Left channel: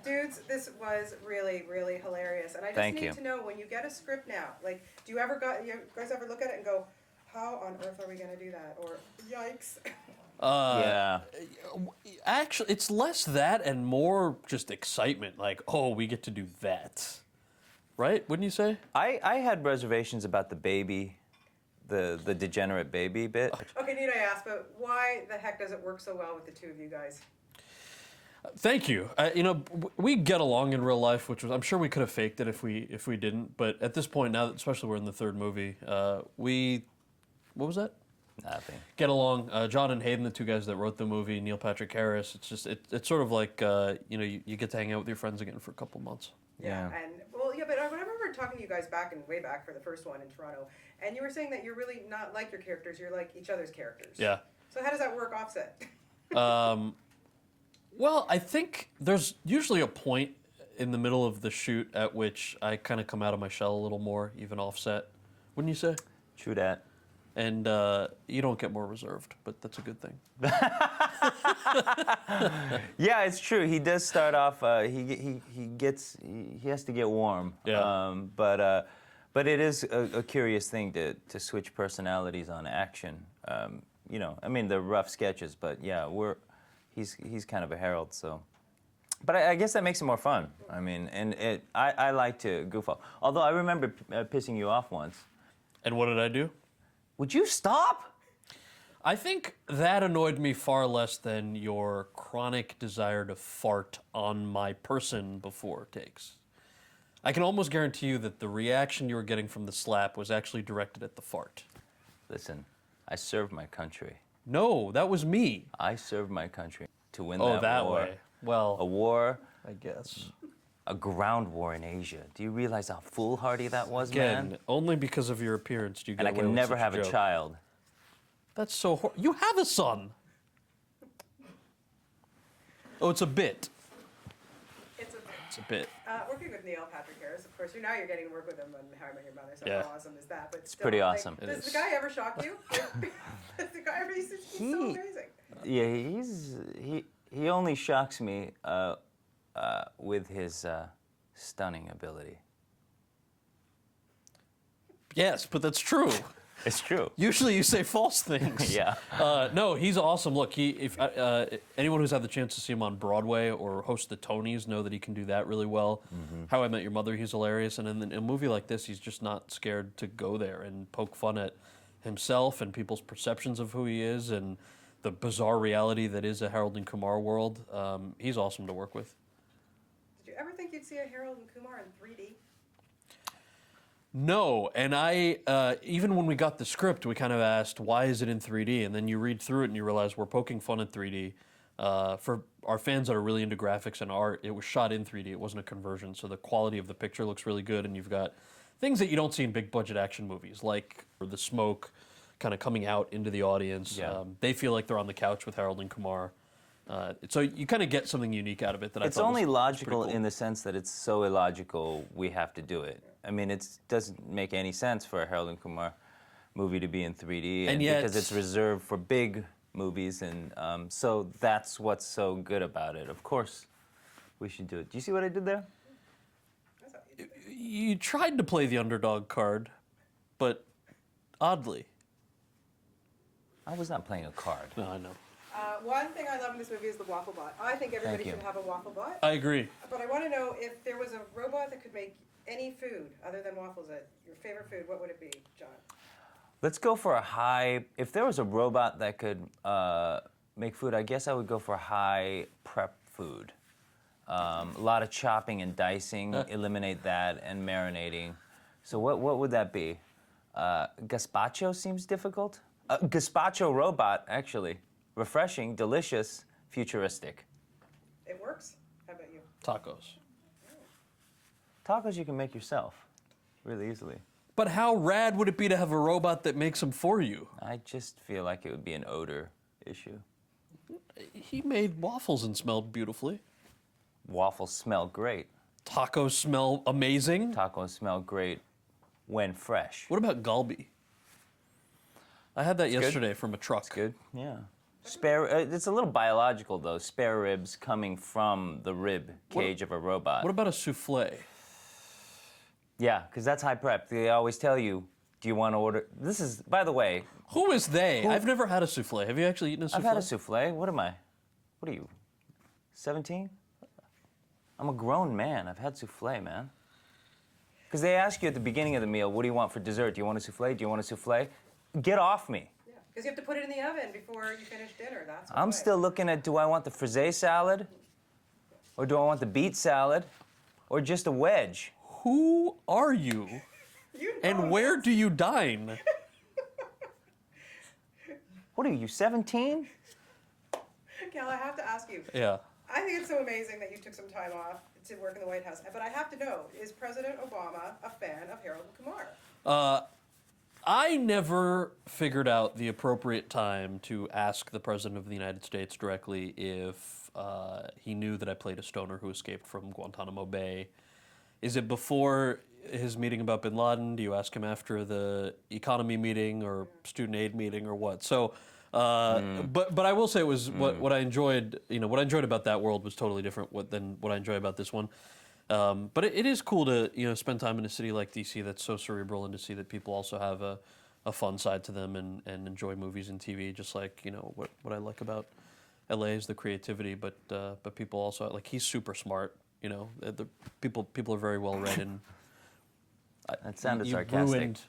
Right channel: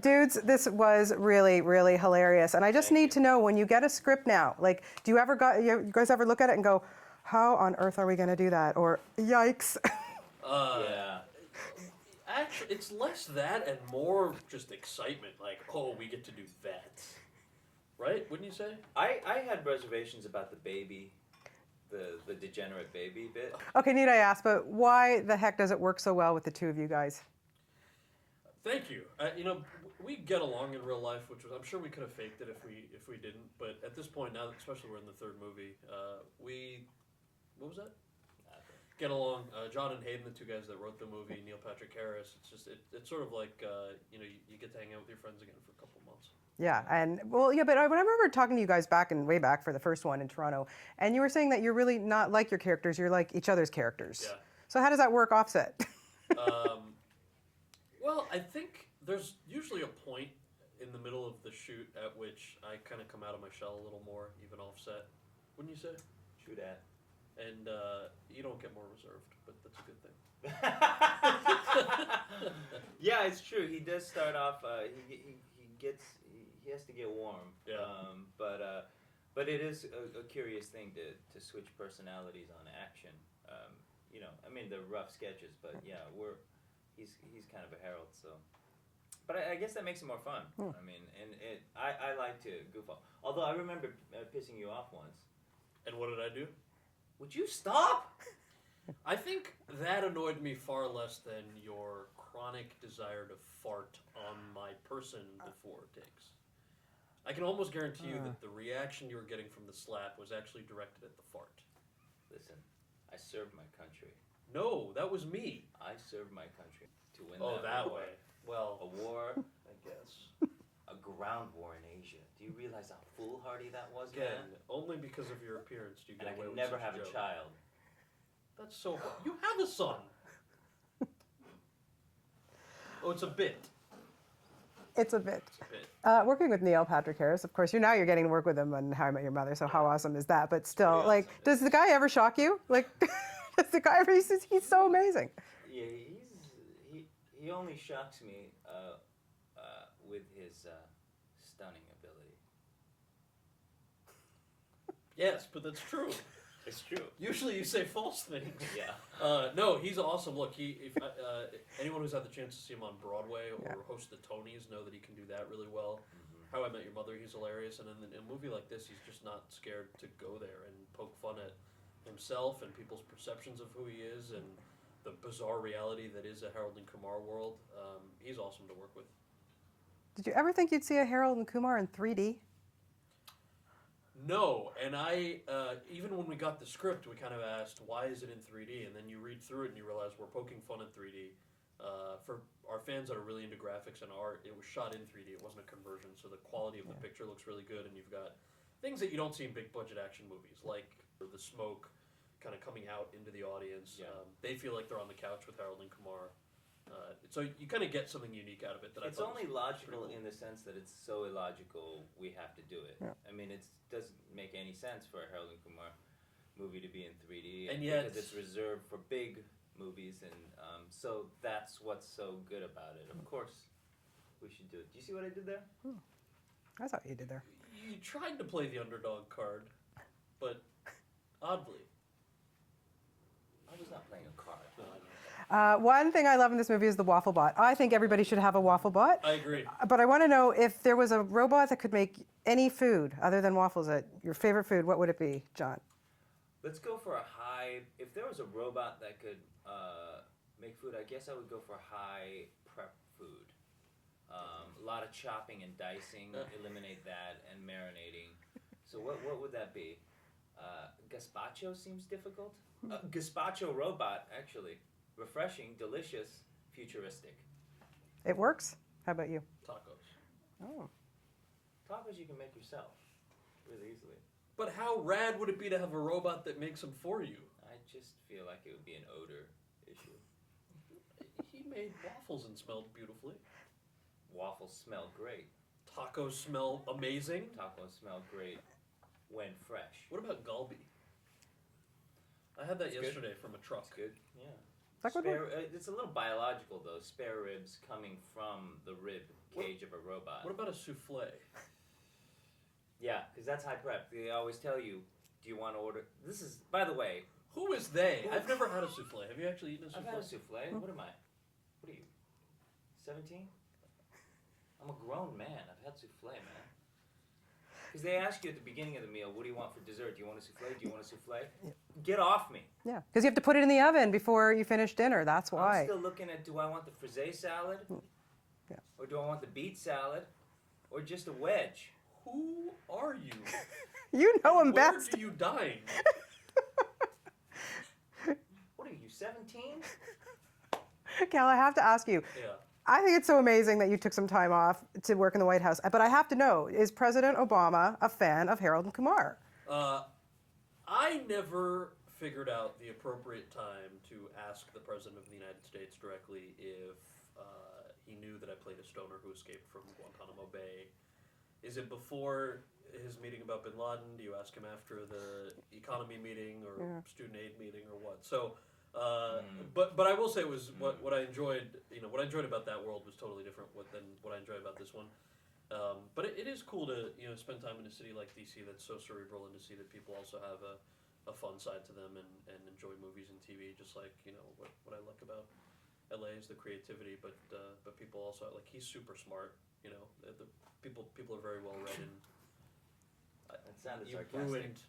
Dudes, this was really, really hilarious. And I just Thank need you. to know, when you get a script now, like, you guys ever look at it and go, how on earth are we going to do that? Or, yikes. Yeah. Actually, it's less that and more just excitement. Like, oh, we get to do that. Right? Wouldn't you say? I had reservations about the baby, the degenerate baby bit. Okay, need I ask, but why the heck does it work so well with the two of you guys? Thank you. We get along in real life, which was, I'm sure we could have faked it if we didn't. But at this point now, especially we're in the third movie, what was that? Nothing. Get along. John and Hayden, the two guys that wrote the movie, Neil Patrick Harris. It's just it's sort of like you get to hang out with your friends again for a couple months. Yeah, Yeah. but I remember talking to you guys way back for the first one in Toronto, and you were saying that you're really not like your characters, you're like each other's characters. Yeah. So how does that work offset? Well, I think there's usually a point in the middle of the shoot at which I kind of come out of my shell a little more, even offset. Wouldn't you say? True that. And you don't get more reserved, but that's a good thing. Yeah, it's true. He does start off. He has to get warm. Yeah. But it is a curious thing to switch personalities on action. I mean, they're rough sketches, but yeah, he's kind of a herald, so. But I guess that makes it more fun. I mean, and I like to goof off. Although I remember pissing you off once. And what did I do? Would you stop? I think that annoyed me far less than your chronic desire to fart on my person before takes. I can almost guarantee you that the reaction you were getting from the slap was actually directed at the fart. Listen, I served my country. No, that was me. I served my country to win Oh, that war. way. Well, A war, I guess. a ground war in Asia. Do you realize how foolhardy that was, Again, man? only because of your appearance do you get And I away can with never such have a joke. child. That's so you have a son. Oh, it's a bit. It's a bit. It's a bit. Working with Neil Patrick Harris, of course, you're getting to work with him on How I Met Your Mother, so Yeah. how awesome is that? But still, pretty like, awesome. does the guy ever shock you? Like, does the guy ever, he's so amazing. Yeah, he only shocks me with his stunning ability. Yes, but that's true. It's true. Usually you say false things. Yeah. No, he's awesome. Look, if anyone who's had the chance to see him on Broadway or host the Tonys know that he can do that really well. Mm-hmm. How I Met Your Mother, he's hilarious. And in a movie like this, he's just not scared to go there and poke fun at himself and people's perceptions of who he is and the bizarre reality that is a Harold and Kumar world. He's awesome to work with. Did you ever think you'd see a Harold and Kumar in 3D? No, and I even when we got the script, we kind of asked, why is it in 3D? And then you read through it and you realize we're poking fun at 3D. For our fans that are really into graphics and art, it was shot in 3D. It wasn't a conversion, so the quality of the picture looks really good, and you've got things that you don't see in big budget action movies, like the smoke kind of coming out into the audience. Yeah. They feel like they're on the couch with Harold and Kumar. So you kind of get something unique out of it that I It's thought only was logical pretty cool. in the sense that it's so illogical we have to do it. I mean, it doesn't make any sense for a Harold and Kumar movie to be in 3D, And yet- because it's reserved for big movies, and so that's what's so good about it. Of course, we should do it. Do you see what I did there? That's what you did there. You tried to play the underdog card, but oddly. I was not playing a card. No, I know. One thing I love in this movie is the waffle bot. I think everybody Thank should you. have a waffle bot. I agree. But I want to know, if there was a robot that could make any food other than waffles, your favorite food, what would it be, John? Let's go for a high. If there was a robot that could make food, I guess I would go for high prep food. A lot of chopping and dicing, eliminate that, and marinating. So what would that be? Gazpacho seems difficult. Gazpacho robot, actually. Refreshing, delicious, futuristic. It works? How about you? Tacos. Tacos you can make yourself really easily. But how rad would it be to have a robot that makes them for you? I just feel like it would be an odor issue. He made waffles and smelled beautifully. Waffles smell great. Tacos smell amazing. Tacos smell great when fresh. What about galbi? I had that good. yesterday from a truck. Good, yeah. Spare. It's a little biological though. Spare ribs coming from the rib cage of a robot. What about a souffle? Yeah, because that's high prep. They always tell you, do you want to order? This is, by the way, Who is they? I've never had a souffle. Have you actually eaten a souffle? I've had a souffle. What am I? What are you? 17? I'm a grown man. I've had souffle, man. Because they ask you at the beginning of the meal, what do you want for dessert? Do you want a souffle? Do you want a souffle? Get off me. Yeah, because you have to put it in the oven before you finish dinner. That's why. I'm still looking at, do I want the frisee salad? Yeah. Or do I want the beet salad? Or just a wedge? Who are you? You know And him where best. do you dine? What are you, 17? Cal, I have to ask you. Yeah. I think it's so amazing that you took some time off to work in the White House. But I have to know, is President Obama a fan of Harold and Kumar? I never figured out the appropriate time to ask the President of the United States directly if he knew that I played a stoner who escaped from Guantanamo Bay. Is it before his meeting about bin Laden? Do you ask him after the economy meeting or student aid meeting or what? So, but I will say it was what I enjoyed. What I enjoyed about that world was totally different than what I enjoy about this one. But it is cool to spend time in a city like DC that's so cerebral, and to see that people also have a fun side to them and enjoy movies and TV, just like what I like about LA is the creativity, but people also like he's super smart. The people are very well read, and That sounded you sarcastic. ruined.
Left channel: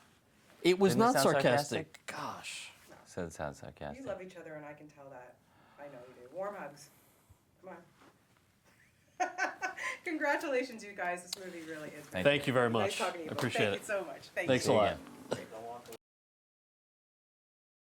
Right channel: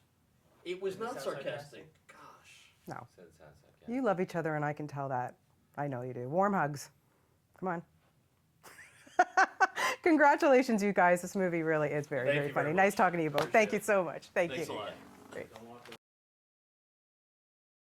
It was Didn't it not sound sarcastic. Gosh. No. So it sounds sarcastic. You love each other, and I can tell that. I know you do. Warm hugs. Come on. Congratulations, you guys. This movie really is very, Thank very you very funny. much. Nice talking to you both. Appreciate Thank you it. so much. Thank Thanks you. a lot.